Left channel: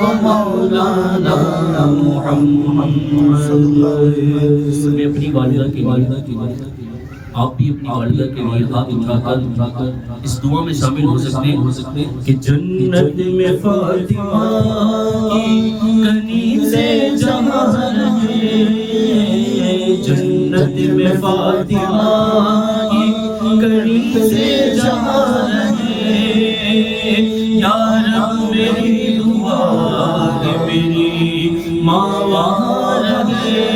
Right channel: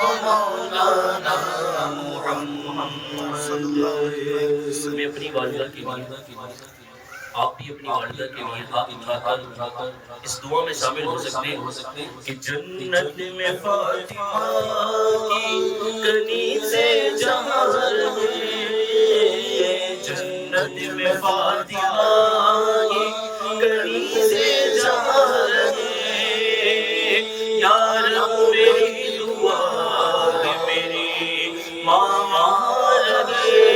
ومولانا محمد. میں اپنی والدہ کی آپ بھی اپنی والدہ کے لیے ہاتھ اٹھا کر اس دعا میں شامل ہو سکتے ہیں کہ جنت میں فاطمہ کی کنیزیں جہاں رہے، جنت میں فاطمہ کی کنیزیں جہاں رہے. یا رب میری دعا ہے میری ماں وہاں رہے.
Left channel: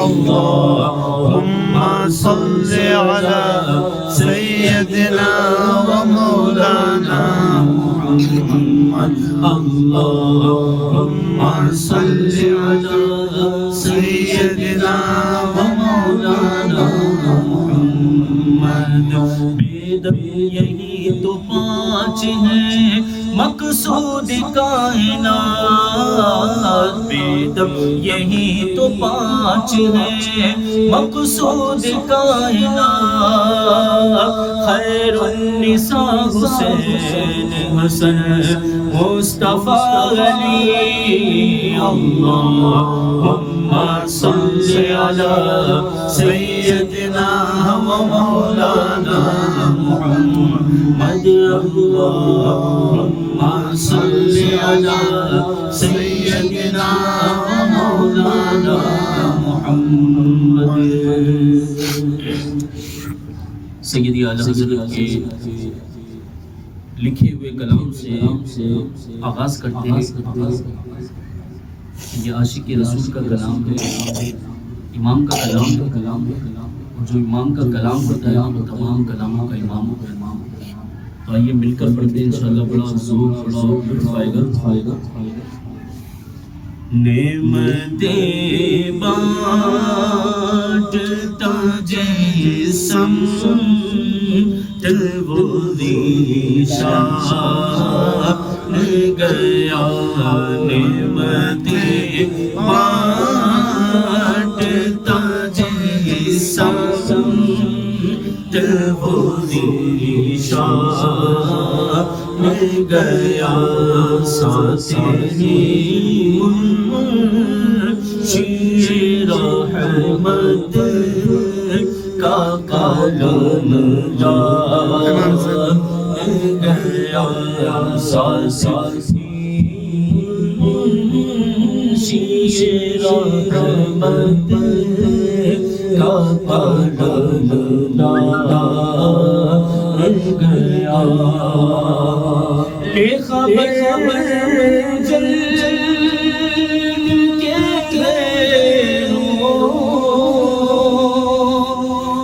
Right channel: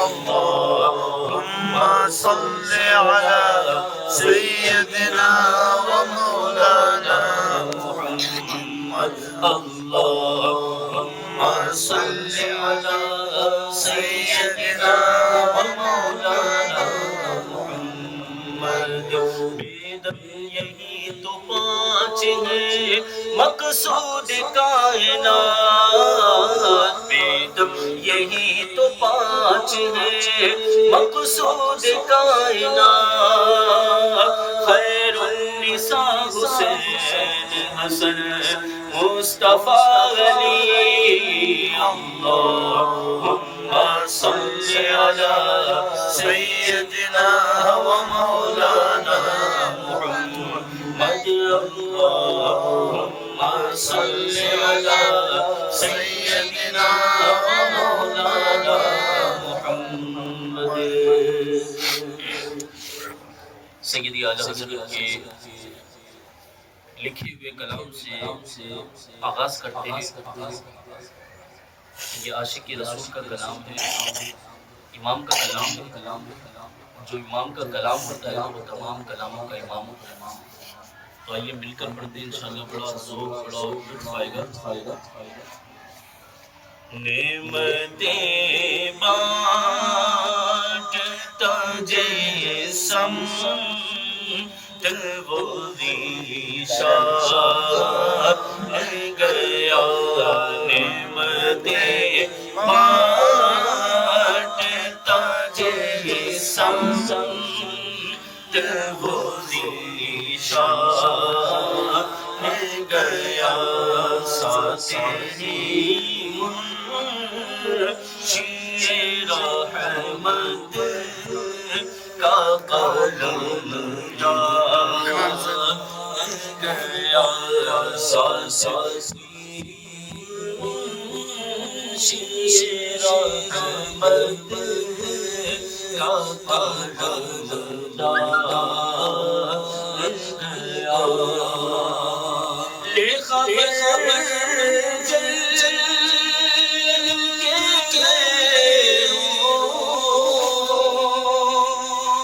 اللهم صل على سيدنا ومولانا محمد. اللهم صل على سيدنا ومولانا محمد. یہی تو پانچ ہیں مقصود کائنات، بیدم یہی تو پانچ ہیں مقصود کائنات. خیر النساء حسین حسن مصطفیٰ علی. اللهم صل على سيدنا ومولانا محمد. اللهم صل على سيدنا ومولانا محمد. سیدی اعلیٰ حضرت کے لکھے ہوئے کلام سے آغاز کرتے ہیں. یہ عاشق رسول کا کلام ہے، امام کا کلام ہے. جو امام کا کلام ہوتا ہے وہ تمام کلاموں کا امام ہوتا ہے. تو آئیے مل کر پڑھتے ہیں انشاءاللہ. بڑا ذوق بڑا لطف آئے گا. نعمتیں بانٹتا جسم وہ ذیشان گیا. نعمتیں بانٹتا جسم وہ ذیشان گیا. ساتھی شیر رحمت کا قلم یاد گیا. ساتھی شیر رحمت کا قلم یاد گیا. لے خبر جل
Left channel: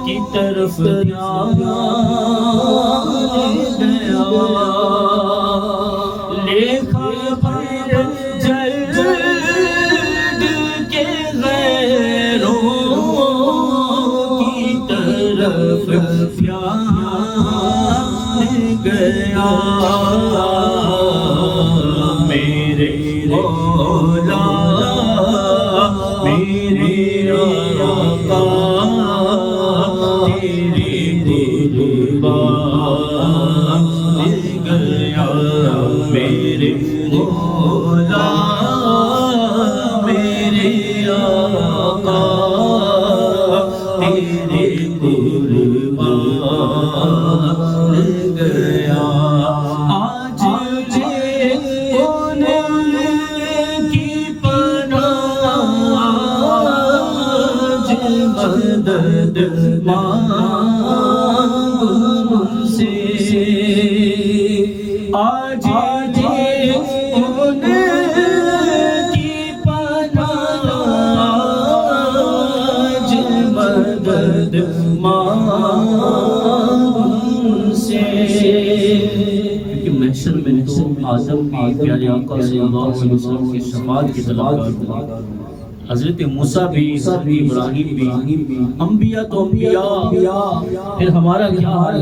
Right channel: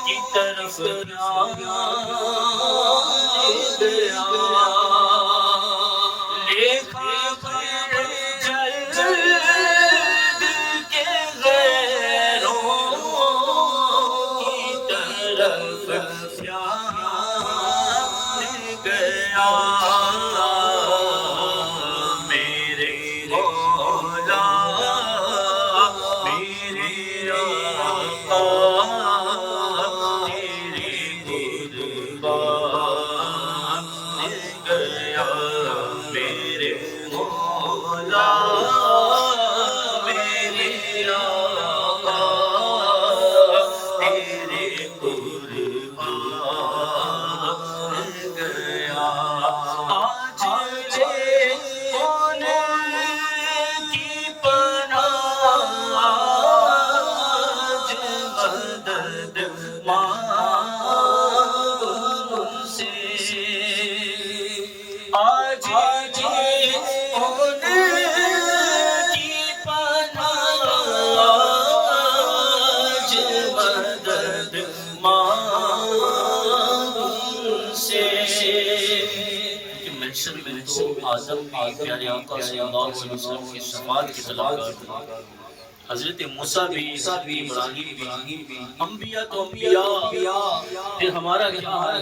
کی طرف گیا. لے خبر جل کے غیروں کی طرف گیا. میرے مولا میرے آقا تیرے قربان گیا. میرے مولا میرے آقا تیرے قربان گیا. آج لے ان کی پناہ، آج مدد مانگ ان سے. آج لے ان کی پناہ، آج مدد مانگ ان سے. کہ محشر میں تو آدم بھی پیارے آقا صلی اللہ علیہ وسلم کی شفاعت کی طلب کرتا. حضرت موسیٰ بھی ابراہیم بھی انبیاء تو انبیاء. پھر ہمارا کیا حال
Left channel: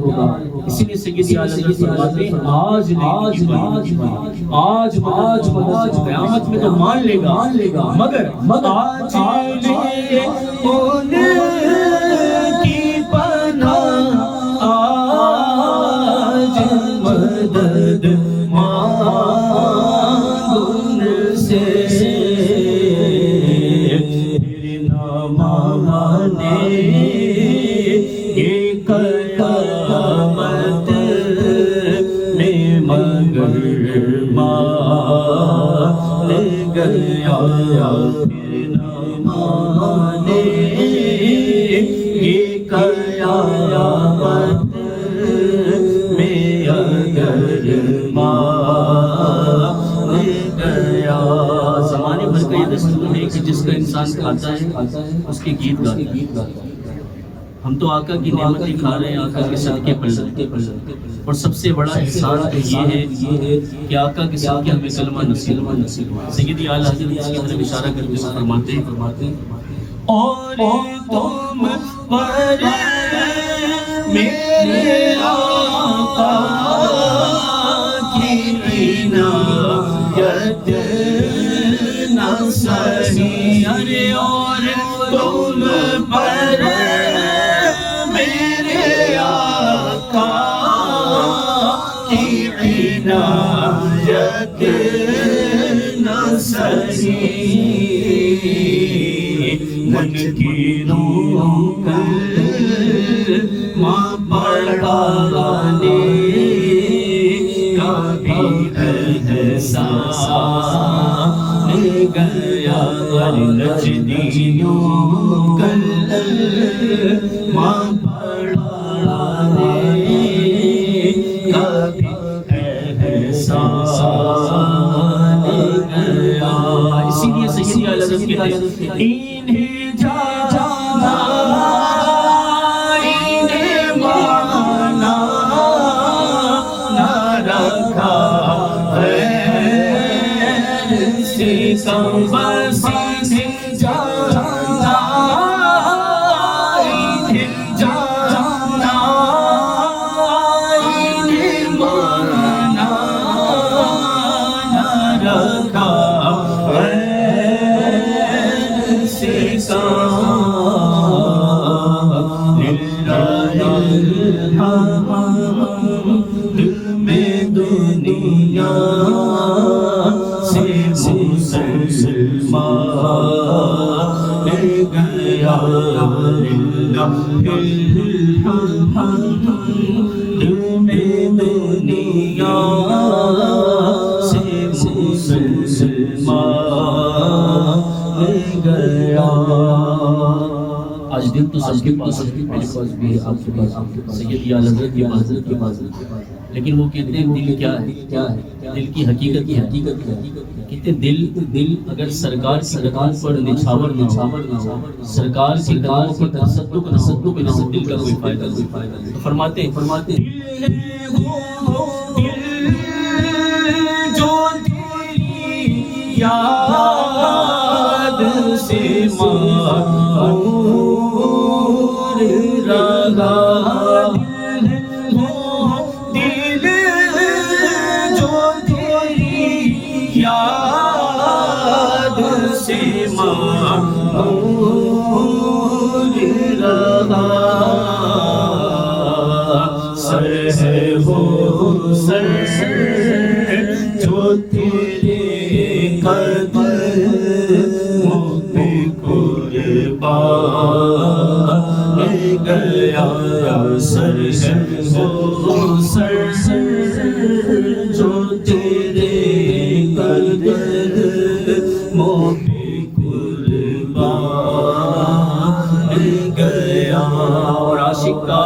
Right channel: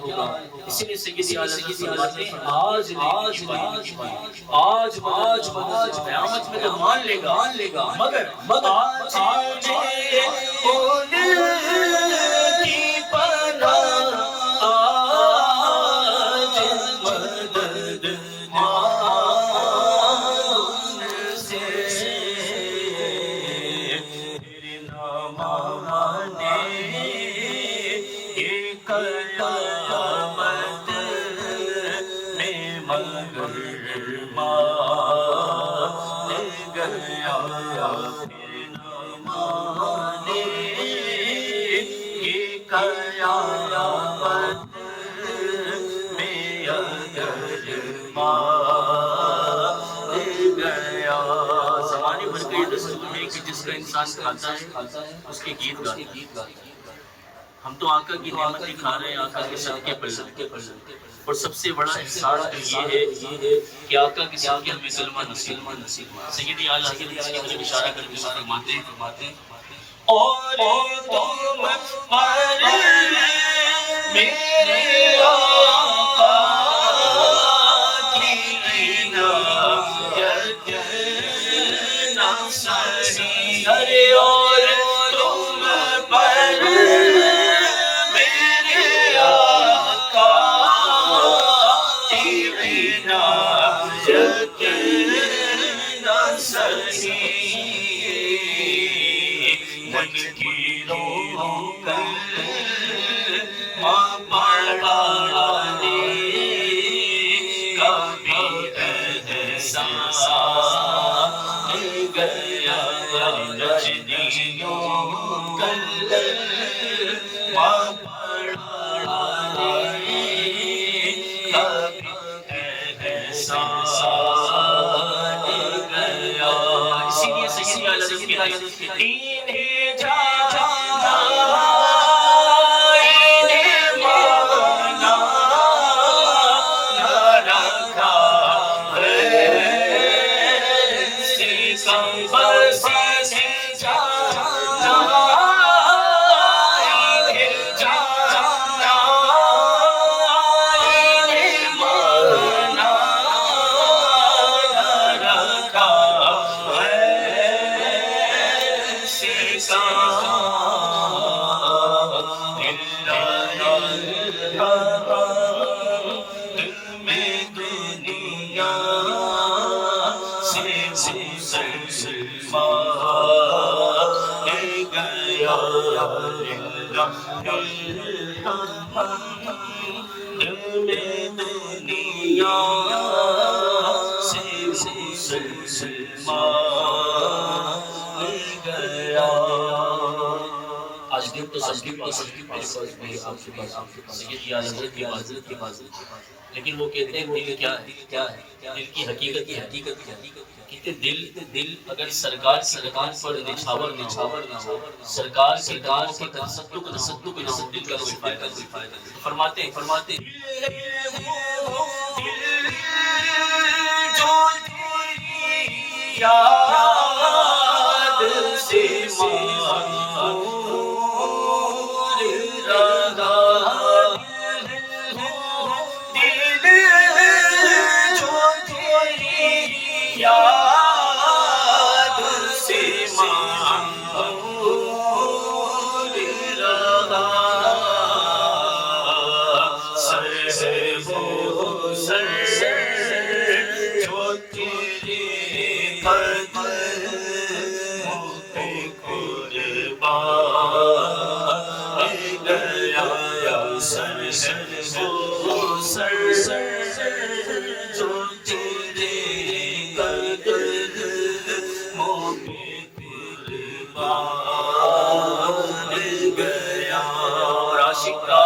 ہوگا. اسی لیے سیدی اعلیٰ فرماتے ہیں آج قیامت میں تو مان لے گا مگر آج ان کی پناہ، آج مدد مان گیا پھر نہ مانے یہ قیامت میں اگر مان گیا. زمانے بھر کا یہ دستور ہے کہ جس کا انسان کھاتا ہے اس کے گیت گاتا ہے. ہم تو آقا کی نعمتیں کھا رہے ہیں، آقا کے صدقے پر، اور سب سے بڑا احسان تو یہ ہے کہ آقا کے صدقے ہمیں کلمہ نصیب. سیدی اعلیٰ حضرت اس کی طرف اشارہ کرتے ہوئے فرماتے ہیں اور تم پر میرے آقا کی عنایت نہ سہی. ارے اور تم پر میرے آقا کی عنایت نہ سہی. من کی روح کلمہ پڑھانے کا بھی احسان گیا. نجدیوں کلمہ پڑھانے کا بھی احسان گیا. اسی لیے سیدی اعلیٰ حضرت کی آیت انہیں جانا انہیں مانا نہ رکھا سکمبر سے جانا انہیں جانا انہیں مانا نہ رکھا میں دنیا سے مسلمان گیا. میں دنیا سے مسلمان گیا. آج دن تو سب کے پاس میرے پاس بھی آپ کے پاس سیدی اعلیٰ حضرت کے پاس لیکن وہ کہتے ہیں دل کیا ہے دل کی حقیقت کہتے دل اگر سرکار پر نچھاور نہ ہو، سرکار کی دعاؤں پر تصدق نہ ہو، دل کا کوئی فائدہ نہیں. فرماتے ہیں جو تیری یاد سے دل جو تیری یاد سے معمور رہا. سر ہے وہ سر جو تیرے قدموں پہ قربان گیا. سر وہ سر جو تیرے قدموں پہ قربان گیا. اور عاشق کا